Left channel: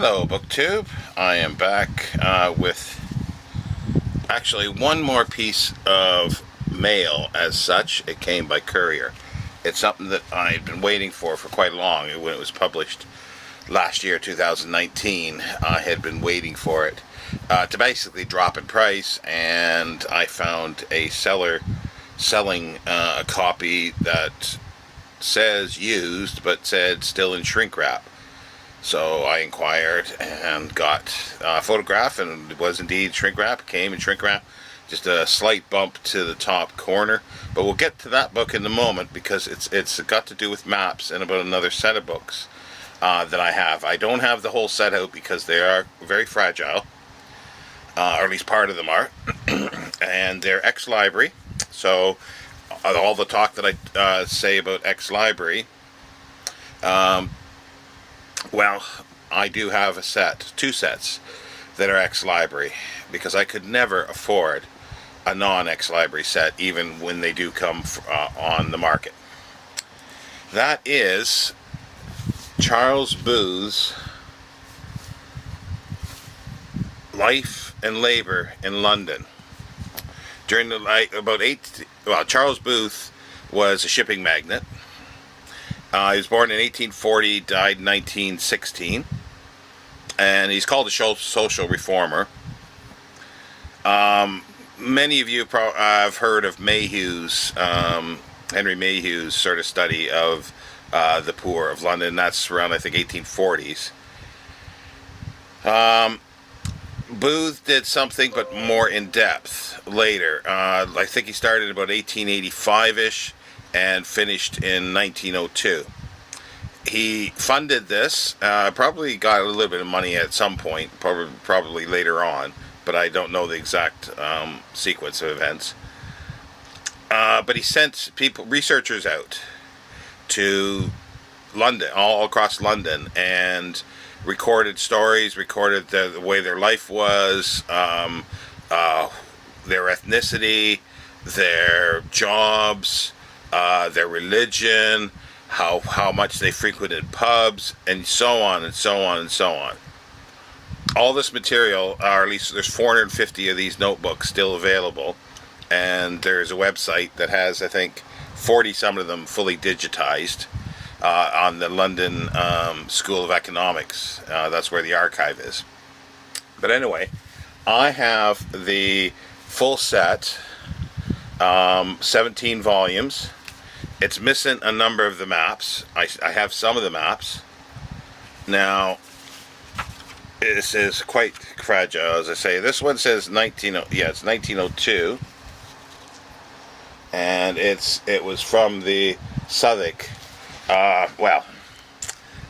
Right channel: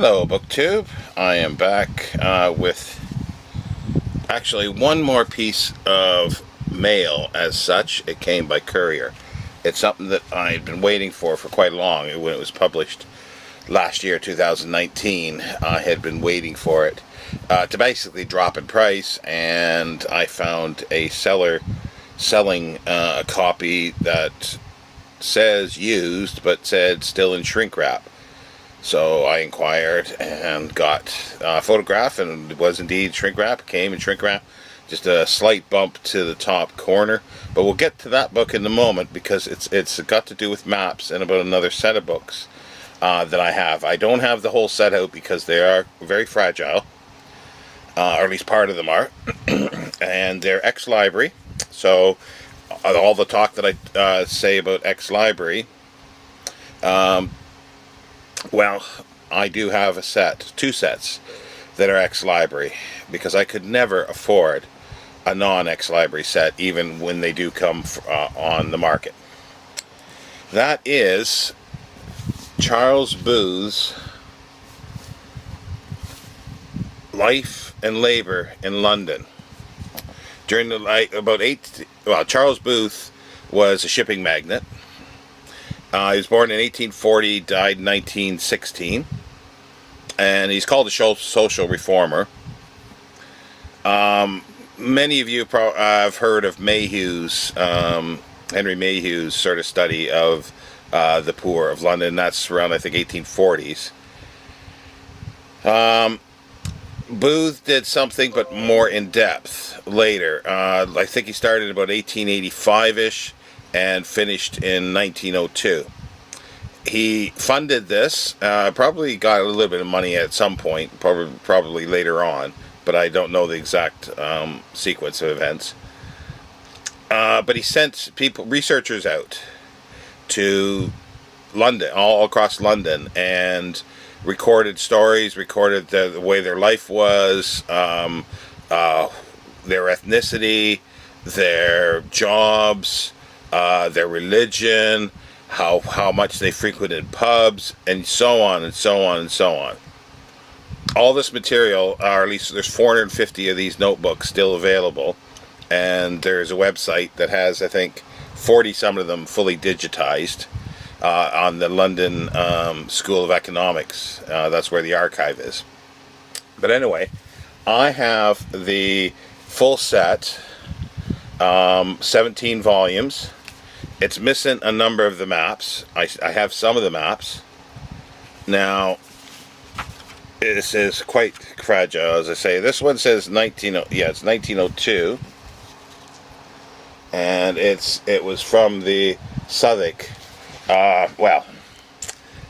Hello, BookTube. I am back with actually one more piece of mail as such. It came by courier. It's something that I had been waiting for quite long. When it was published last year, 2019, I had been waiting for it to basically drop in price, and I found a seller selling a copy that says used, but said still in shrink wrap. So I inquired and got a photograph, and it was indeed shrink wrap. Came in shrink wrap, just a slight bump to the top corner. But we'll get to that book in a moment, because it's got to do with maps and about another set of books that I have. I don't have the whole set out because they are very fragile, or at least part of them are, and they're ex-library. So all the talk that I say about ex-library. Well, I do have a set, two sets, that are ex-library, because I could never afford a non-ex-library set, even when they do come on the market. That is Charles Booth's Life and Labor in London. During the Charles Booth was a shipping magnate. He was born in 1840, died in 1916, and he's called a social reformer. Many of you have heard of Mayhew's, Henry Mayhew's sort of study of the poor of London. That's around, I think, 1840s. Booth did something, but more in depth later. I think he started about 1885-ish. And finished in 1902. He funded this, probably got a little bit of money at some point, probably later on, but I don't know the exact sequence of events. But he sent researchers out to London, all across London, and recorded stories, recorded the way their life was, their ethnicity, their jobs, their religion, how much they frequented pubs, and so on and so on and so on. All this material, or at least there's 450 of these notebooks still available, and there's a website that has, I think, 40 some of them fully digitized on the London School of Economics. That's where the archive is. But anyway, I have the full set, 17 volumes. It's missing a number of the maps. I have some of the maps. Now, this is quite fragile, as I say. This one says it's 1902, and it was from the Southwark. Well,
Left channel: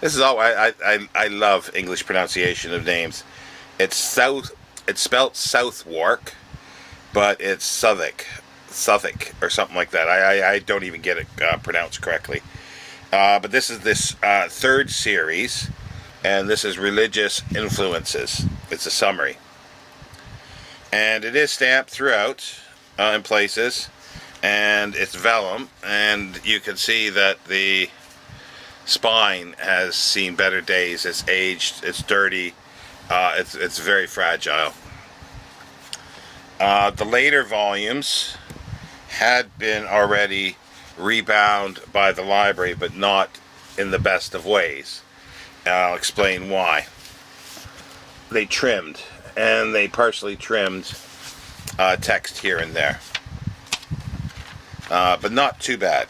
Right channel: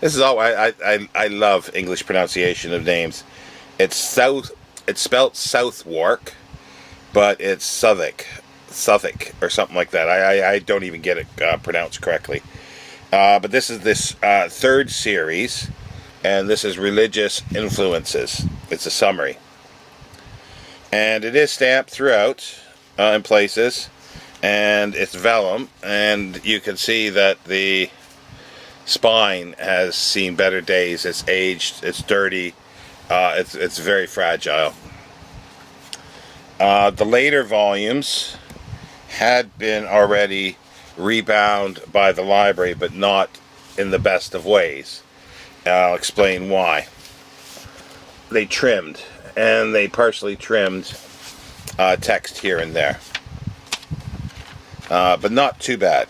this is all. I love English pronunciation of names. It's spelt Southwark, but it's Southwark or something like that. I don't even get it pronounced correctly. But this is this third series, and this is Religious Influences. It's a summary. And it is stamped throughout in places, and it's vellum, and you can see that the spine has seen better days. It's aged, it's dirty, it's very fragile. The later volumes had been already rebound by the library, but not in the best of ways. I'll explain why. They trimmed, and they partially trimmed text here and there, but not too bad.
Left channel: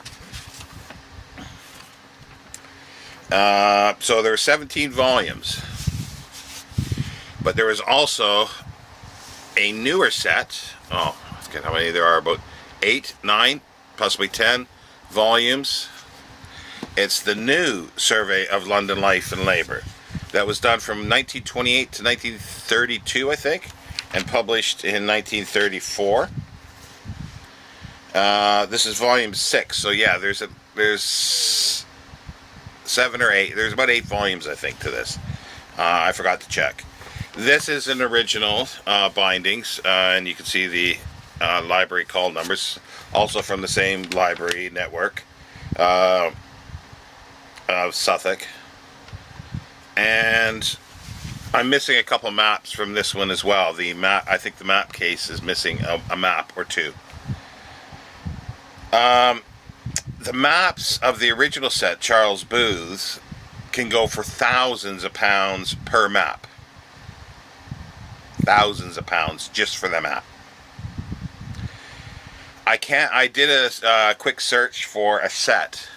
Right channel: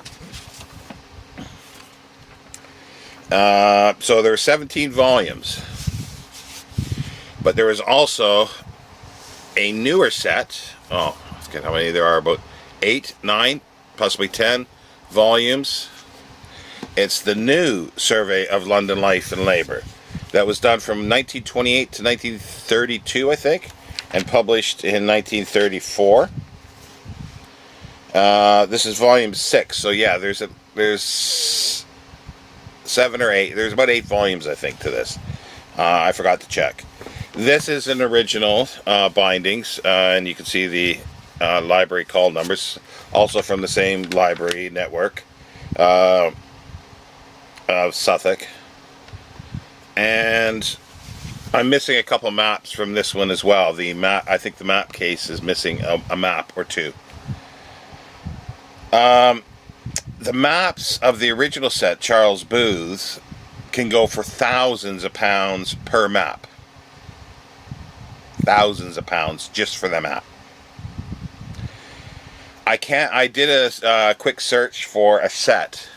So there are 17 volumes, but there is also a newer set. Oh, I forget how many there are, about 8, 9, possibly 10 volumes. It's the new Survey of London Life and Labor that was done from 1928 to 1932, I think, and published in 1934. This is volume 6, so yeah, there's 7 or 8. There's about 8 volumes, I think, to this. I forgot to check. This is an original bindings, and you can see the library call numbers, also from the same library network of Southwark. And I'm missing a couple maps from this one as well. The map, I think the map case is missing a map or two. The maps of the original set, Charles Booth's, can go for thousands of pounds per map. Thousands of pounds just for the map. I did a quick search for a set,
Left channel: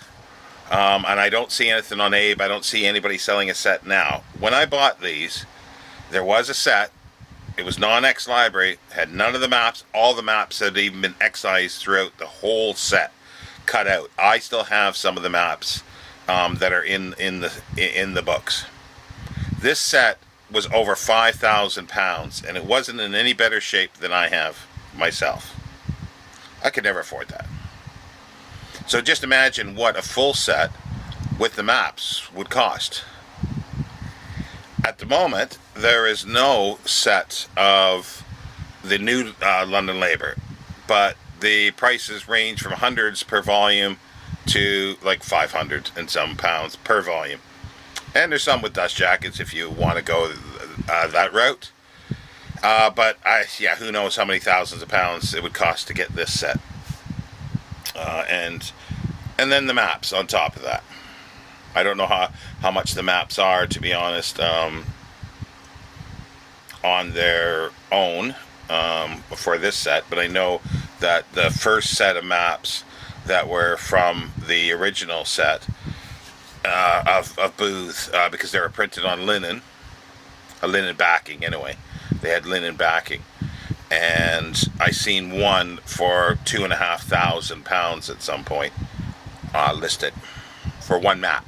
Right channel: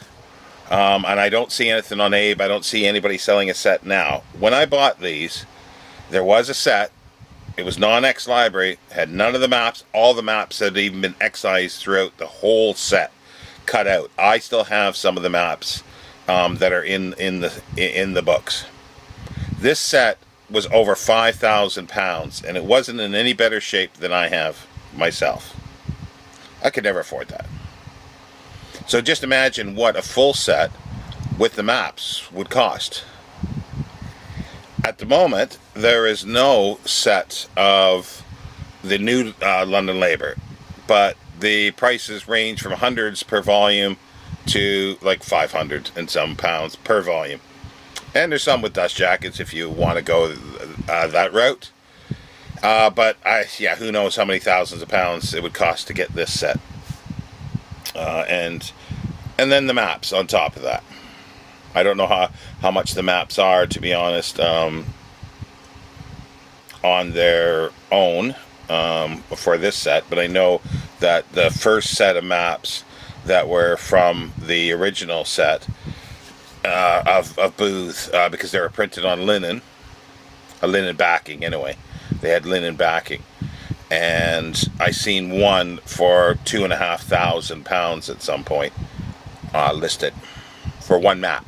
and I don't see anything on Abe. I don't see anybody selling a set now. When I bought these, there was a set. It was non-X library, had none of the maps. All the maps had even been excised throughout the whole set, cut out. I still have some of the maps that are in the books. This set was over 5,000 pounds, and it wasn't in any better shape than I have myself. I could never afford that. So just imagine what a full set with the maps would cost. At the moment, there is no set of the new London Labour, but the prices range from hundreds per volume to like 500 and some pounds per volume. And there's some with dust jackets if you want to go that route. But yeah, who knows how many thousands of pounds it would cost to get this set. And then the maps on top of that. I don't know how much the maps are, to be honest, on their own for this set. But I know that the first set of maps that were from the original set of Booth, because they were printed on linen, a linen backing anyway. They had linen backing, and I seen one for 2,500 pounds at some point listed for one map.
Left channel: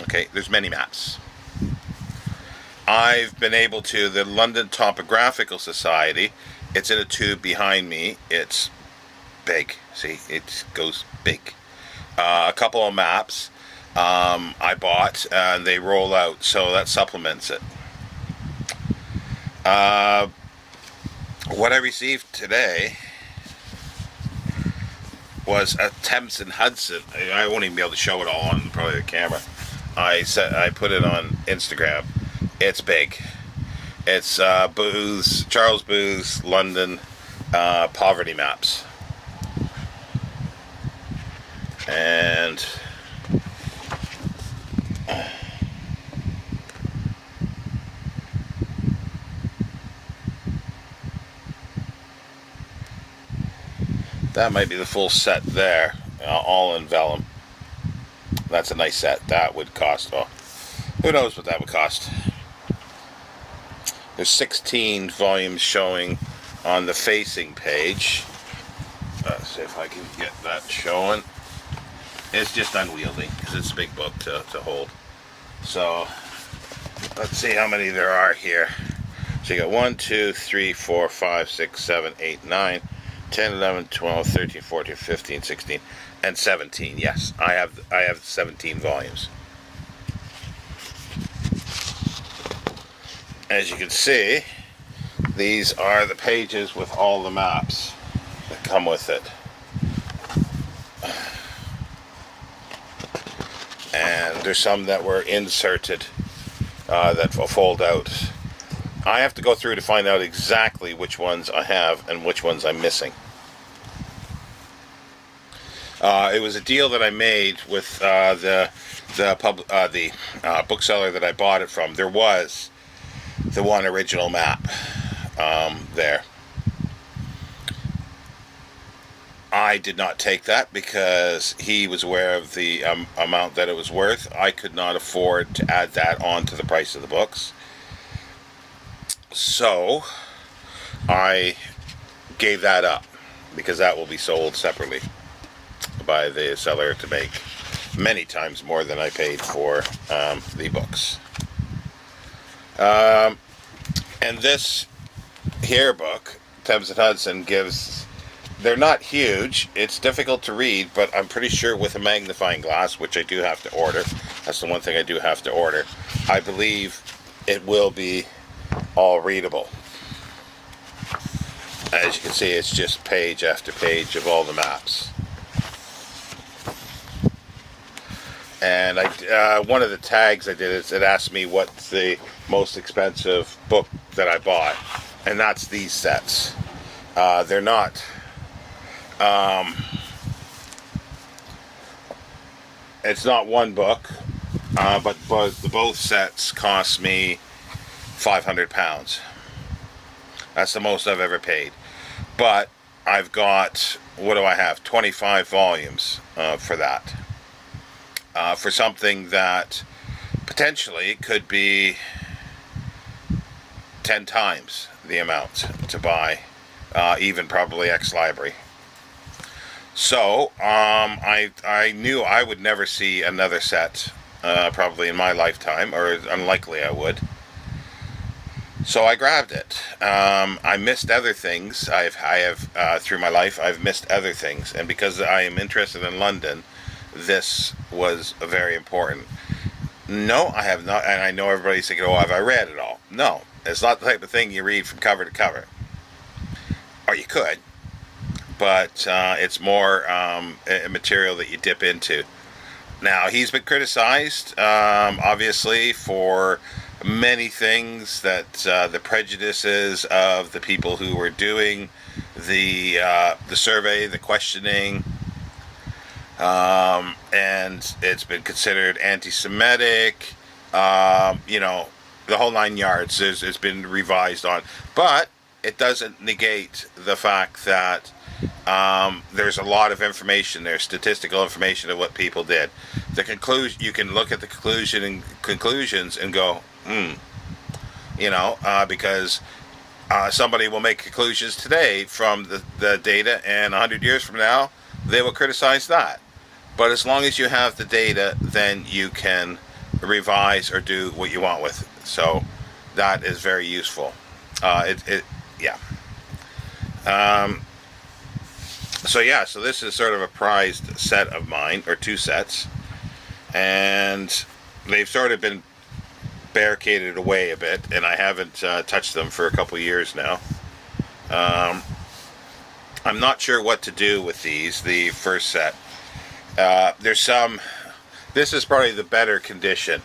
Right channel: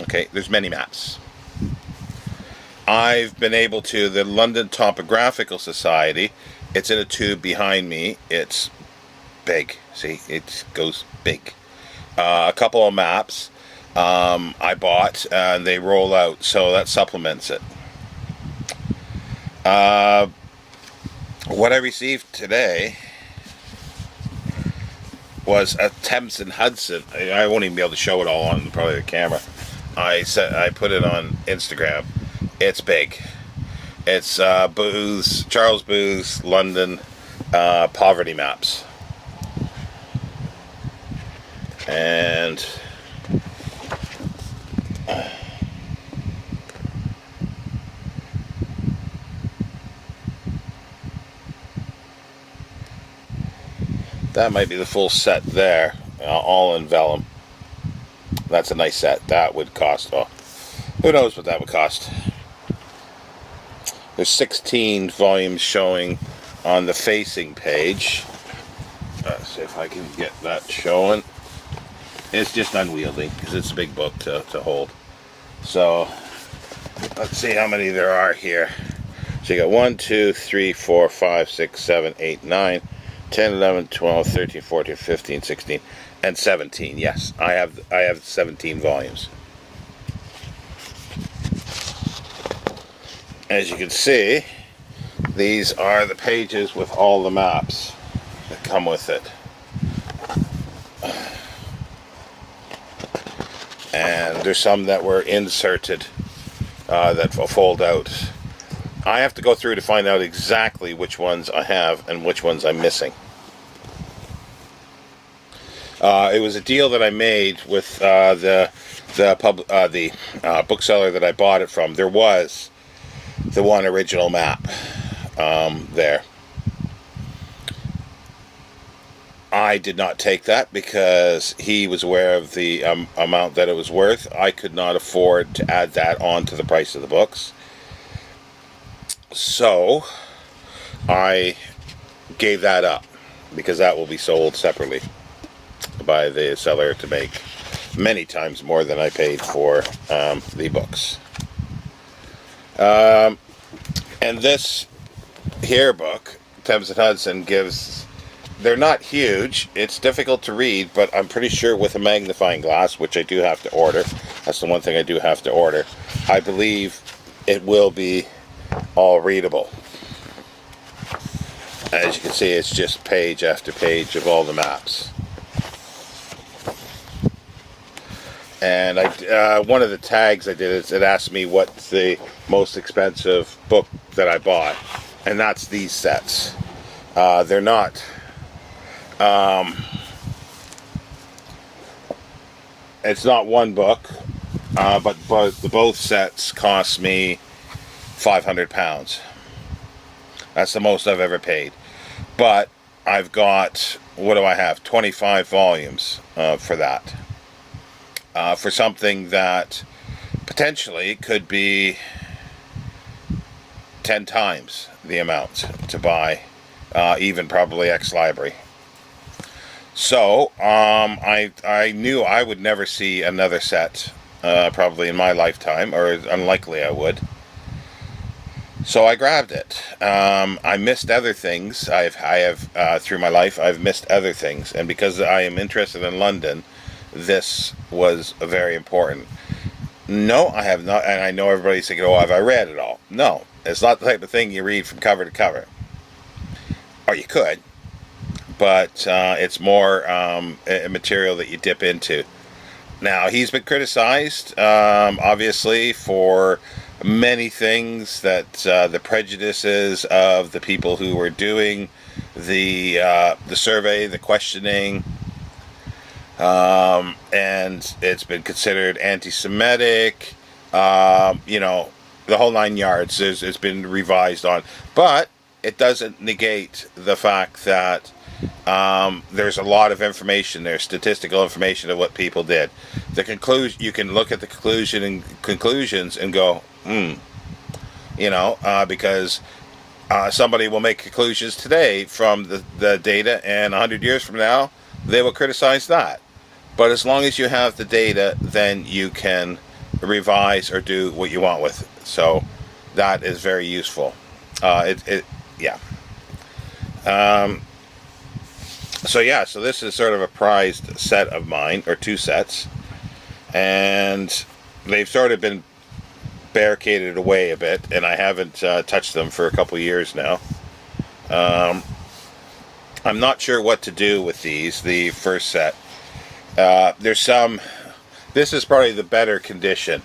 Okay, there's many maps. I've been able to, the London Topographical Society, it's in a tube behind me. It's big. See, it goes big. A couple of maps I bought, and they roll out, so that supplements it. What I received today was a Thames and Hudson. I won't even be able to show it all on probably the camera. I put it on Instagram. It's big. It's Charles Booth's London poverty maps. And that might be the full set there, all in vellum. That's a nice set. That would cost, well, who knows what that would cost. There's 16 volumes showing on the facing page. Let's see if I can get that showing. It's just unwieldy because it's a big book to hold. So let's see how many there are here. So you got 1, 2, 3, 4, 5, 6, 7, 8, 9, 10, 11, 12, 13, 14, 15, 16, and 17. Yes, I have 17 volumes. As you can see, these are the pages with all the maps that come with it. And there's some that were inserted that will fold out. I have to go through to find out exactly which ones I have and which ones I'm missing. It was a deal that I made with the bookseller that I bought it from. There was the one original map there. I did not take that because he was aware of the amount that it was worth. I could not afford to add that on to the price of the books. So I gave that up because that will be sold separately by the seller to make many times more than I paid for the books. And this here book, Thames and Hudson, gives, they're not huge, it's difficult to read, but I'm pretty sure with a magnifying glass, which I do have to order, that's the one thing I do have to order, I believe it will be all readable. As you can see, it's just page after page of all the maps. And one of the tags I did is it asked me what's the most expensive book that I bought, and that's these sets. They're not. It's not one book, but both sets cost me £500. That's the most I've ever paid. But I've got, what do I have? 25 volumes for that. For something that potentially could be 10 times the amount to buy, even probably ex-library. So, I knew I would never see another set, probably in my lifetime, or unlikely I would. So I grabbed it. I missed other things. I have through my life, I've missed other things. And because I am interested in London, this was very important. No, I have not, and I know everybody's thinking, oh, have I read it all? No, it's not the type of thing you read from cover to cover. Or you could, but it's more material that you dip into. Now, he's been criticized, obviously, for many things, that the prejudices of the people who were doing the survey, the questioning, and it's been considered anti-Semitic, the whole 9 yards. It's been revised on, but it doesn't negate the fact that there's a lot of information there, statistical information of what people did. The conclusion, you can look at the conclusions and go, because somebody will make conclusions today from the data, and 100 years from now, they will criticize that. But as long as you have the data, then you can revise or do what you want with it. So that is very useful. So this is sort of a prized set of mine, or two sets, and they've sort of been barricaded away a bit, and I haven't touched them for a couple years now. I'm not sure what to do with these, the first set. There's some, this is probably the better condition.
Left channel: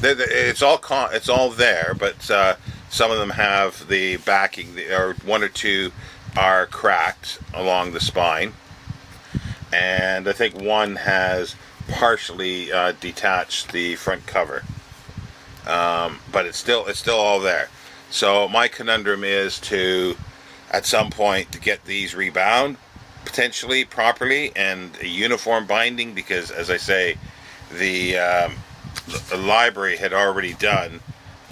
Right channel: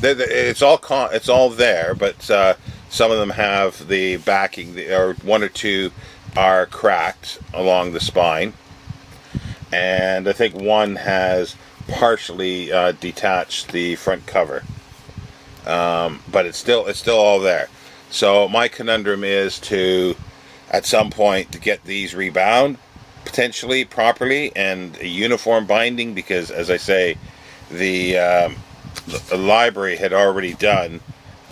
It's all there, but some of them have the backing, or one or two are cracked along the spine, and I think one has partially detached the front cover, but it's still all there. So my conundrum is to, at some point, to get these rebound, potentially properly, and a uniform binding, because, as I say, the library had already done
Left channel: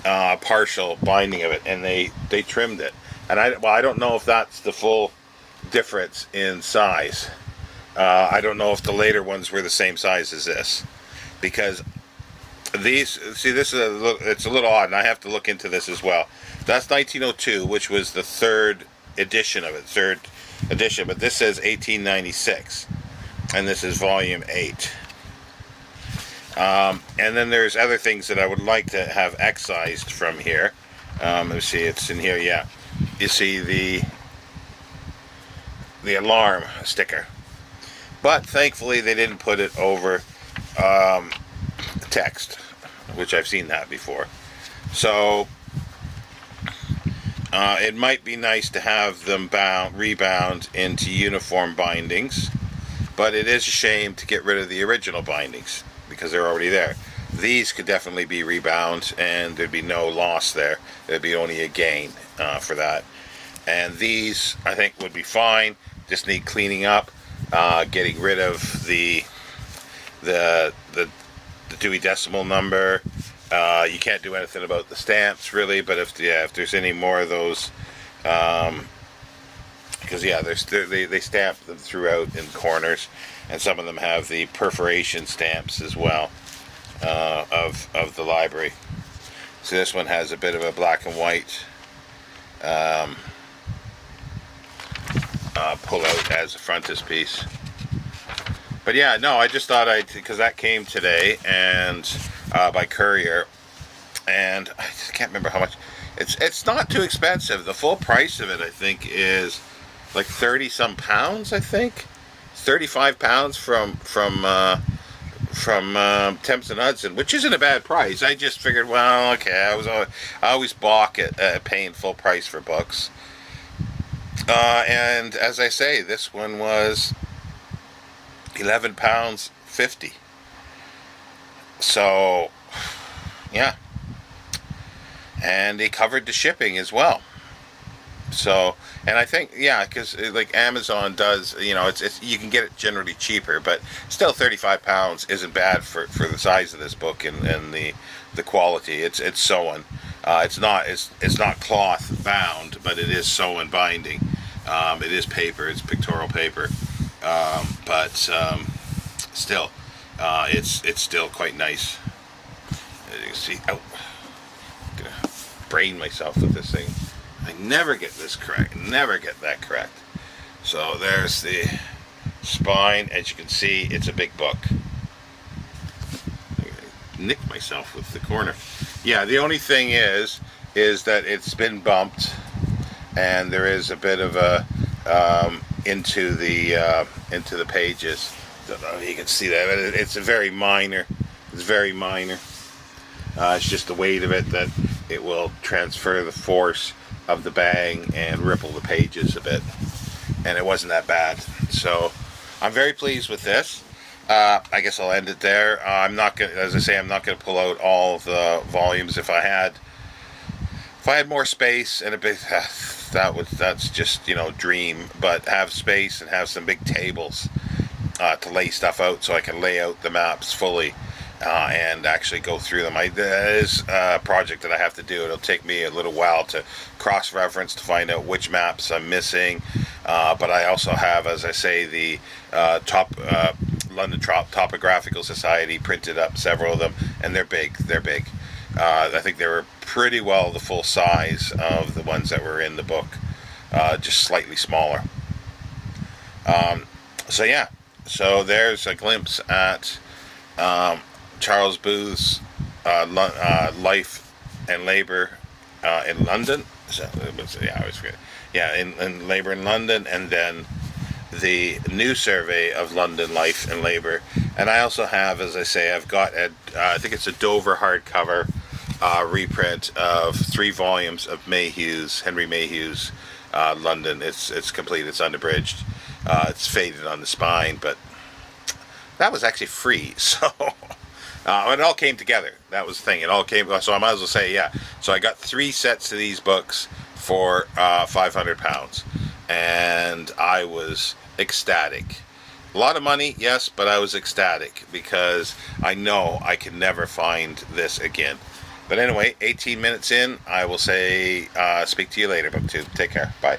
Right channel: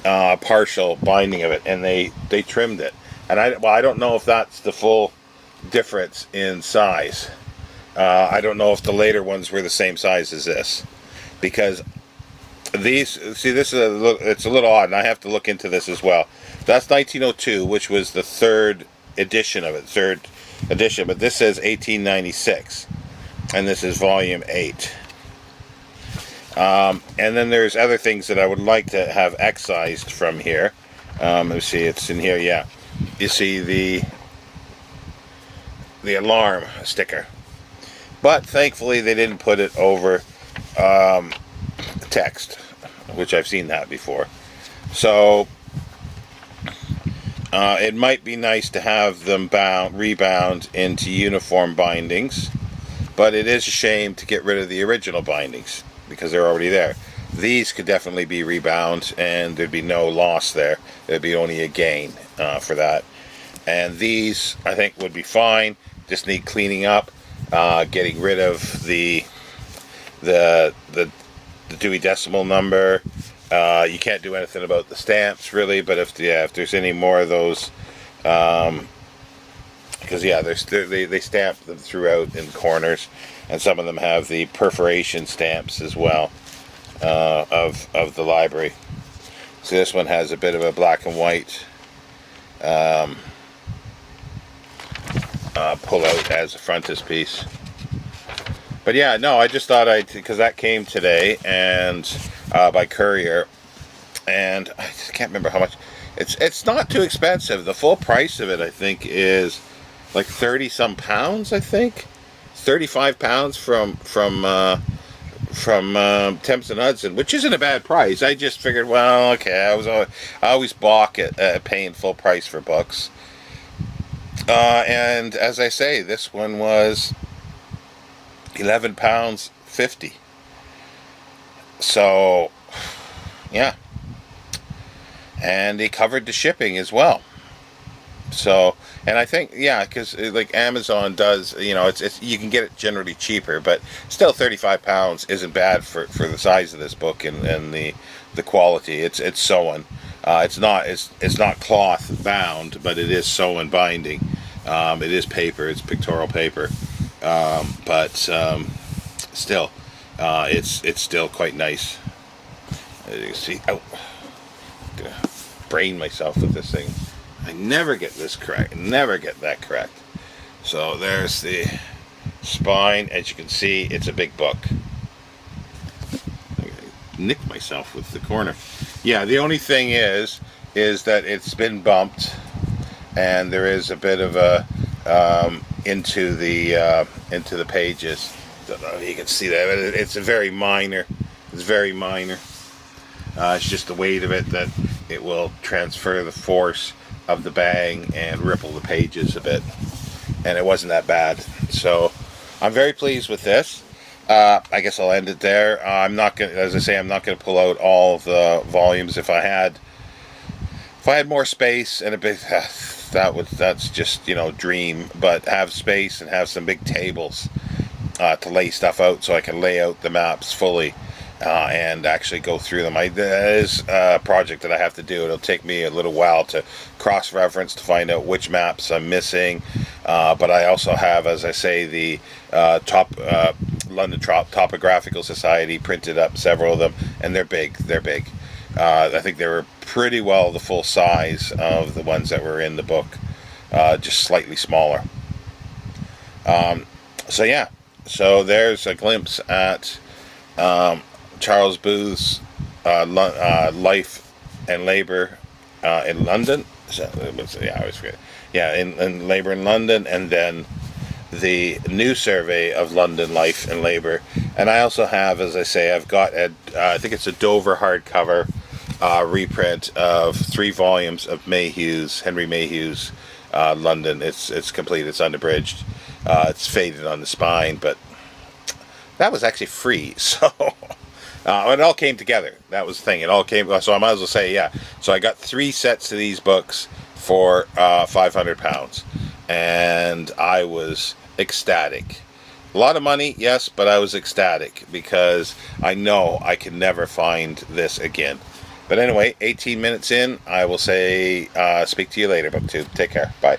partial binding of it, and they trimmed it. And I don't know if that's the full difference in size. I don't know if the later ones were the same size as this, because these, see, this is it's a little odd, and I have to look into this as well. That's 1902, which was the third edition of it, but this says 1896, and this is volume 8. And then there's other things that I would like to have excised from here. Let's see, it's in here, yeah. You see the alarm sticker, but thankfully they didn't put it over text, which I've seen that before. So it might be nice to have them rebound into uniform bindings, but it is a shame to get rid of the original bindings because they're already there. These could definitely be rebound, and there'd be no loss there. There'd be only a gain for that. And these, I think, would be fine. Just need cleaning up, getting rid of the Dewey Decimal number. You can't do anything about the stamps, really, but if there's any more of those, because they stamp them throughout in corners, and some of them have the perforation stamps as well of the library. So this one has a bit of a black and white pull out as a frontispiece. But yeah, no, I just thought because that came today, and by courier, and I just can't remember how much. It's not too expensive. The full price of it, I think, is like 30 some pounds. I think £35 from Thames and Hudson, which isn't a bad price. I just figured, well, okay, I always balk at paying full price for books. And as I say, this one was £11.50. So, yeah. And they covered the shipping as well. So, and I think, yeah, because like Amazon does, it's you can get it generally cheaper, but still £35 isn't bad for the size of this book and the quality. It's sewn. It's not cloth bound, but it is sewn binding. It is paper. It's pictorial paper, but still, it's still quite nice. You can see, I'm gonna brain myself with this thing. I never get this correct. Never get that correct. So there's the spine. As you can see, it's a big book. I nicked myself with the corner. Yeah, the only thing is that it's been bumped, and there is a bit of a into the pages. Don't know if you can see that. It's very minor. It's very minor. It's just the weight of it that it will transfer the force of the bang and ripple the pages a bit, and it wasn't that bad. So I'm very pleased with this. I guess I'll end it there. I'm not gonna, as I say, I'm not gonna pull out all of the volumes. If I had more space and a bit, that's just dream. But have space and have some big tables to lay stuff out, so I can lay out the maps fully. And actually go through them. That is a project that I have to do. It'll take me a little while to cross-reference to find out which maps I'm missing. But I also have, as I say, the London Topographical Society printed up several of them, and they're big. They're big. I think they were pretty well the full size of the ones that were in the book, just slightly smaller. So yeah, so there's a glimpse at Charles Booth's life and labor in London. So it was, yeah, I always forget. Yeah, in labor in London, and then the new survey of London life and labor. And I also have, as I say, I've got I think it's a Dover hardcover reprint of 3 volumes of Henry Mayhew's London. It's complete. It's unabridged. It's faded on the spine, but that was actually free. So. It all came together. That was the thing. It all came. So I might as well say, yeah. So I got 3 sets of these books for £500, and I was ecstatic. A lot of money, yes, but I was ecstatic because I know I can never find this again. But anyway, 18 minutes in, I will say, speak to you later, BookTube. Take care. Bye.